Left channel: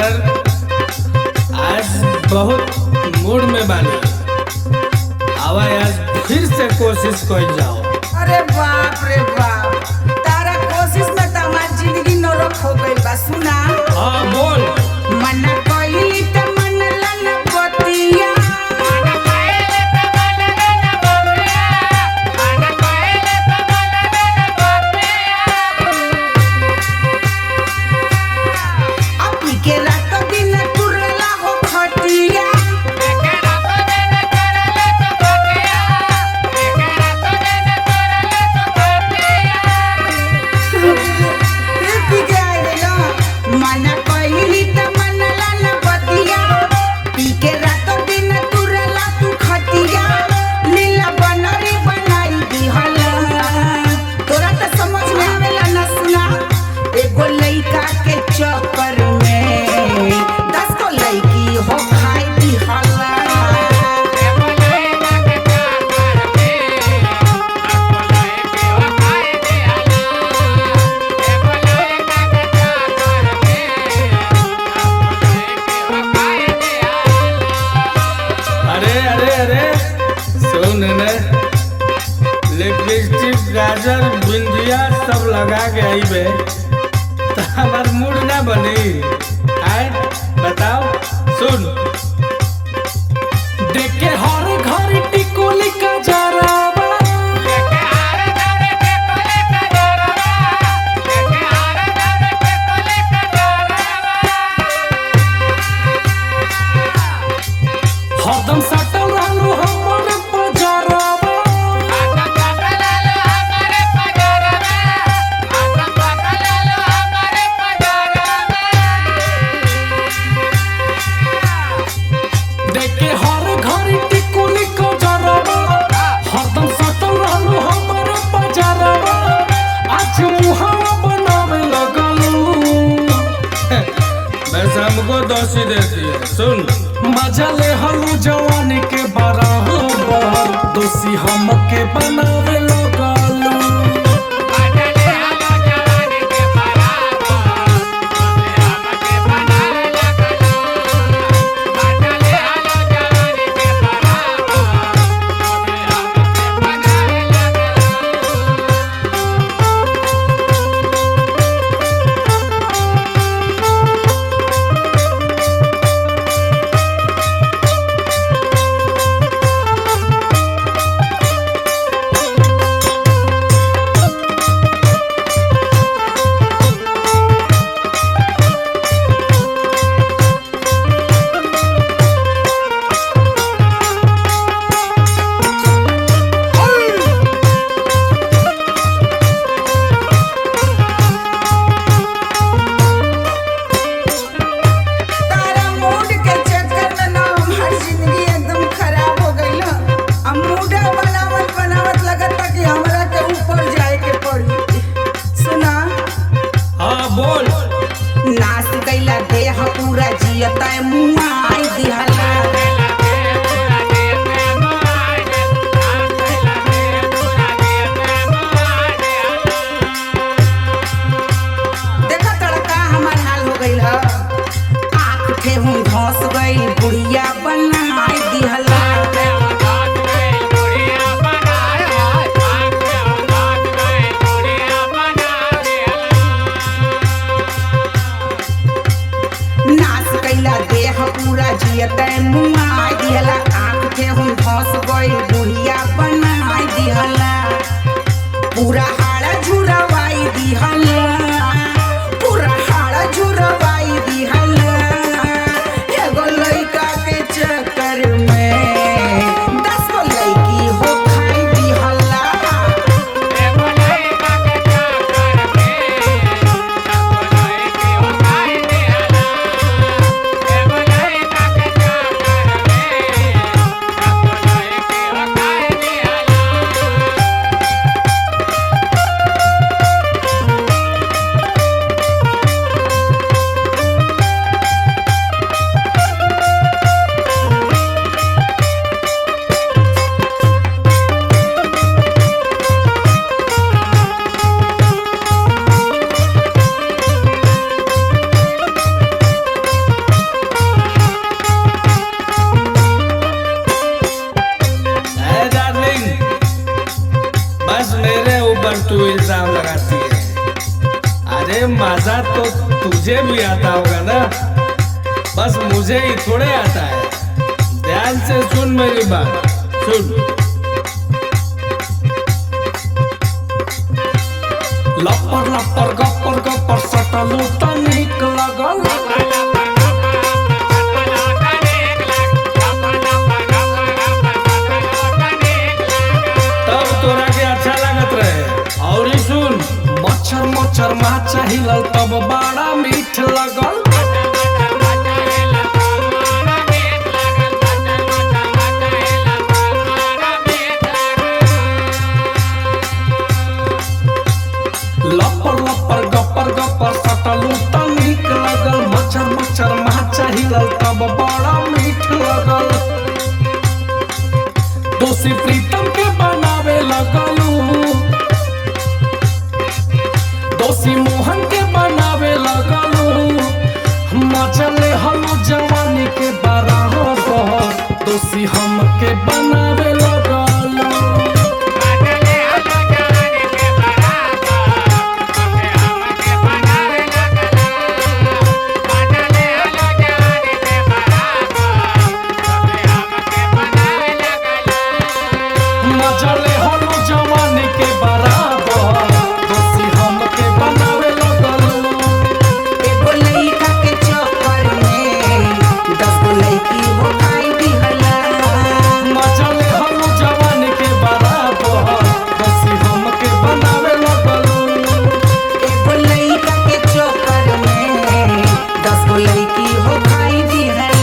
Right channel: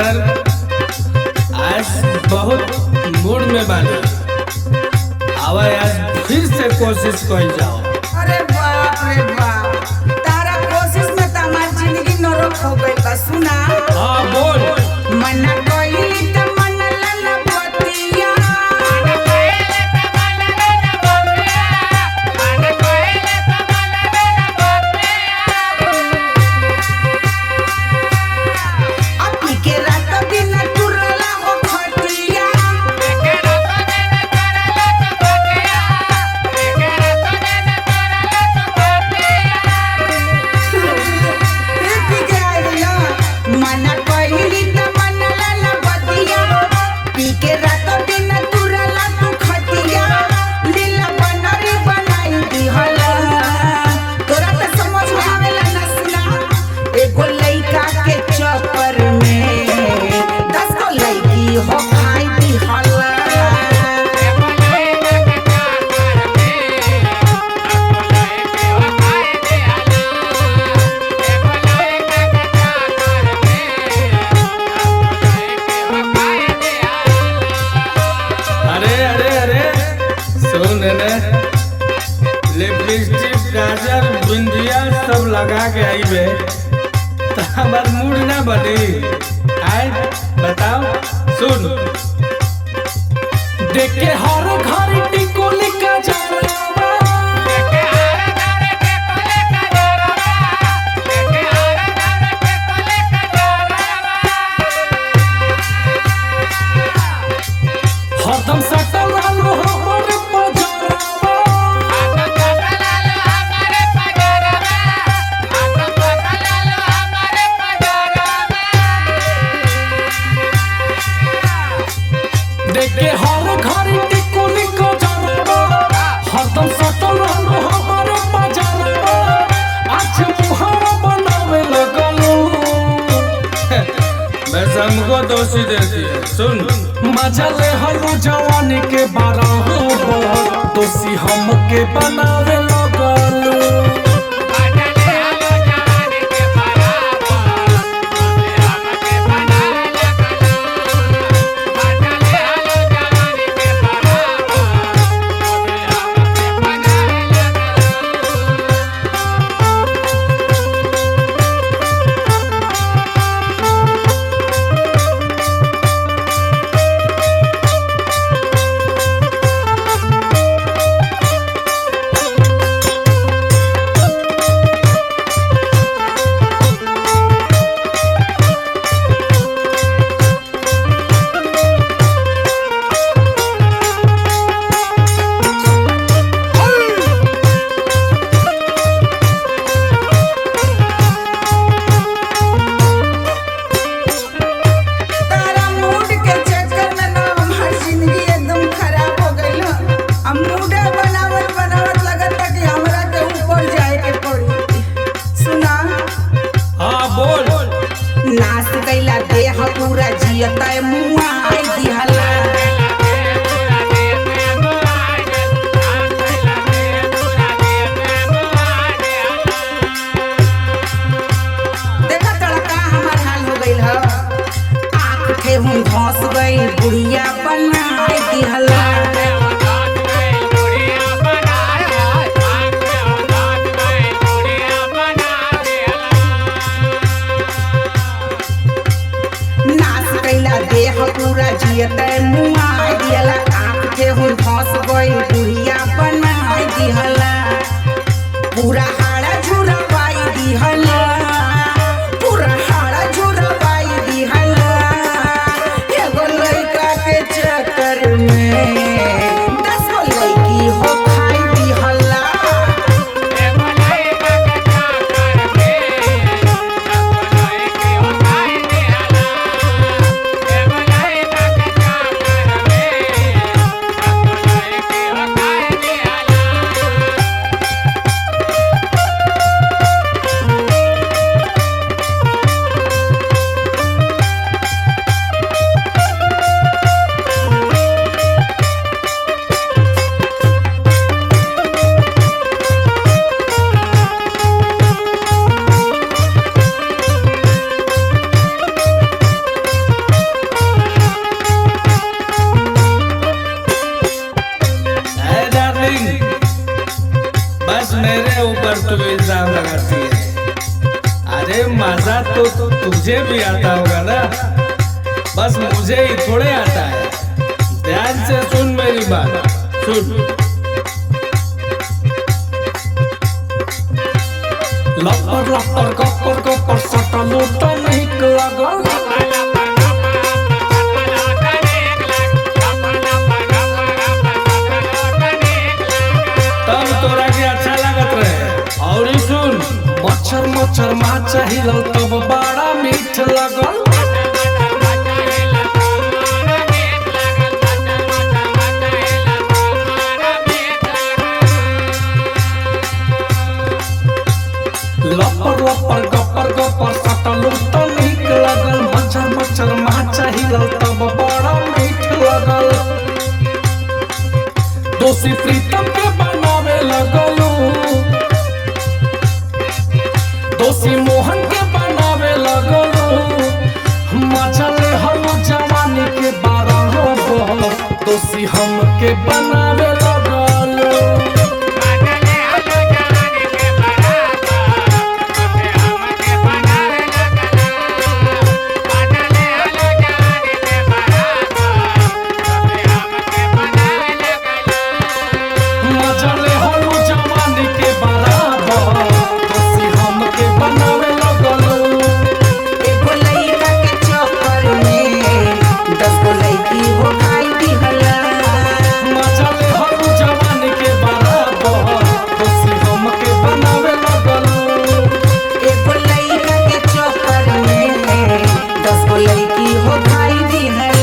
Brother, आज बहुत mood में बानी। आवा आज फिर से कोशिश कइल जाओ। अरे बाप रे बाप, तारा कोशिश में तो हमार जिंदगी नरक हो गइल बा। सुना, हाँ बोल। मना कइली त मनला न बतिया, अपी के रात दिन तुरला हो खटिया। पी के आ गइला, मना कइली त मनला न बतिया, पी के रात दिन तुरला तू खटिया, लीला बनरी बनाई दिहला। तोरा त समझ में आवेला न। सुना, एगो लइका के चक्कर में 10 गो लइकी हो खाई दिहला। अरे अरे अरे सुन ने, लिपस्टिक, गाजर, बिंदिया सब लगा के आईबे तो हमार मूड ना बनी। आए बताओ, सुन। देख के हर घर टिकोली का जरावा, हरदम सटल रहलू हमरे पजरावा। देख के हर घर टिकुली को जरावा, हरदम सटल रहलू हमारे पजरावा। आज मुहावा बनावे लगलू, बस हमको दोषी देती है। सुन, मजा ले हलू जवानी के बराबर, दोषी हमके बनावे लगलू। अब मूडा बनावत बनावत लगता कि हमरा के ऊपर जाए के पड़ी। सुना, हाँ बोल। नाश कैला देह पूरा जियता मुआ आई दिहला। देखा तड़का हमार हाल हो गइल ह। आँख ठेहुन धस गई, बुढ़िया बनाई दिहला। नाश कैला देह पूरा जियते मुआ दिहला। आँख ठेहुन धस गई, बुढ़िया बनाई दिहला। पूरा हाड़ा झुरवाई दिहला, पूरा हाड़ा झुरवाई दिहला। एगो लइका के चक्कर में 10 गो लइकी हो खाई दिहला। डार्लिंग, बस मेरे ऊपर तू इल्जाम लगाती है। अरे मजा तो तुझे भी आता होगा ना, बस मुझे ही थोड़े आता है। ध्यान से सुन मेरी बात, सुन। लपर लपर गपर गपर सटलो त नीक लगल, तब तोरा के अच्छा लागत रहे। और सुन, मच्छर मच्छर माचा हिलल तब बड़ा मीठ लगल। लपर लपर गपर गपर सटलू त नीक लगल, मच्छर मच्छर माचा हिलल तब बड़ा मीठ लगल। दोषी प्रीतम के बनावे लगलू, दोषी मोहन के बनावे लगलू। मचले हलू जवानी के बराबर, दोषी हम के बनावे लगलू। मजले हलू जवानी के बराबर, दोषी हम के बनावे लगलू। एगो लइका के चक्कर में 10 गो लइकी हो खाई दिहला। मजले हलू जवानी के बराबर, दोषी हम के बनावे लगलू। एगो लइका के चक्कर में 10 गो लइकी हो खाई दिहला।